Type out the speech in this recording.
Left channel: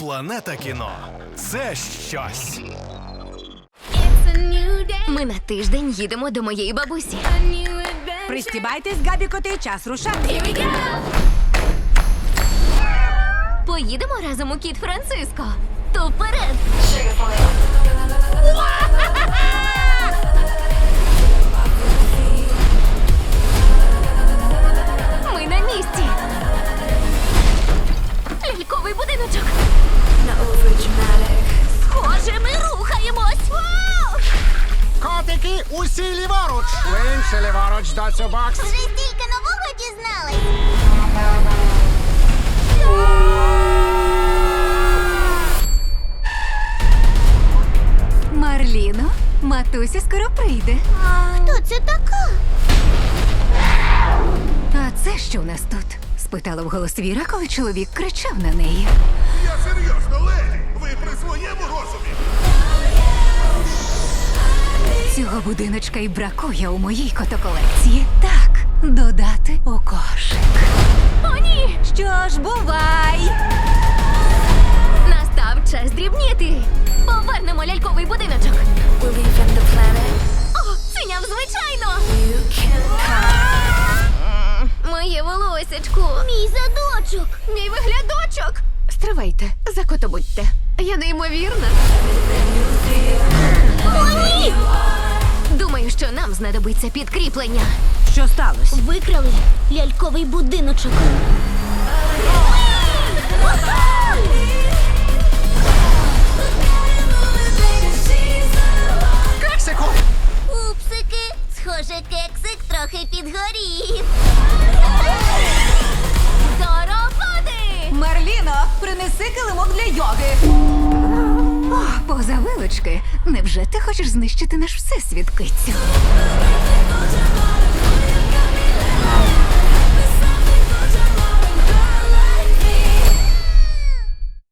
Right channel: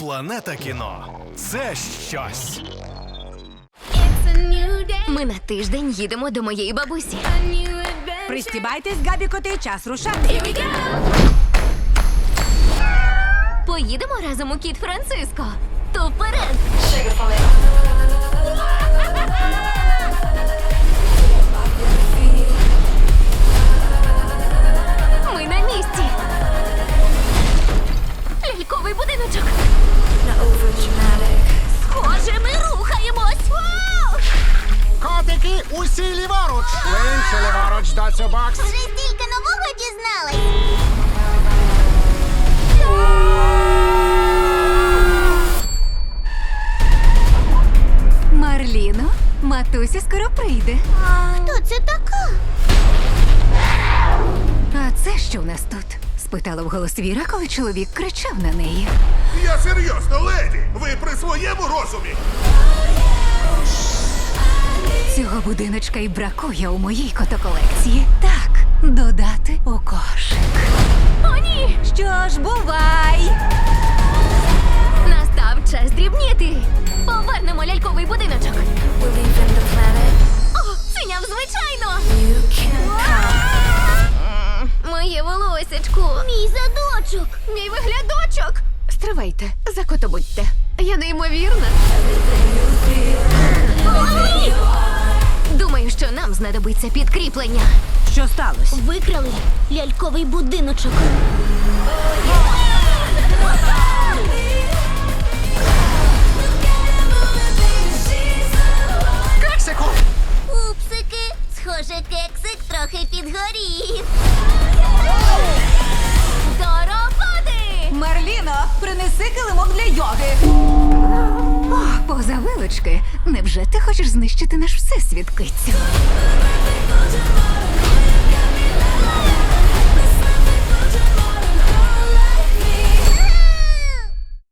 Планета кіно це щось. Ми на тиждень їдемо до моєї бабусі. Пристібайтесь, габікоти, час рушати. Here we go. Поїдемо разом у кіт Франциско. То вперед! Ми на місці. Ляльковий будиночок. Схоже, ми рухаємось. Котики, усі ліворуч! Інші ліворуч, доцю бокс. Вже стільки нового дізнались. Марліно, матуся скоро прийде. Хто це така? А це що в нас тут? спитала вголос Віра, коли чоловік кричав на неї. Я серйозно, леді! Ви при своєму розумі? Цього будиночка й бракує у моїй котоколекції. Так, додати у кошик. О, ні! Що ж, бувай! Настав час дрібніти. Повернемо ляльковий будиночок. О, циняв звичайно. Моє волосечко. Мій задочок. Мій виглядочок. Стривайте, закотобудьте. Я неймовірна. Думаю, що нам знадобиться підкріплення. Що сталося? Викрали ляльковий будиночок. Кексику! Упсики, схоже, кексик трохи підгорів. Марліно, принеси килимок для йоги. О, поза вилочки. Невже ти хочеш знищити наш всесвіт, кицю?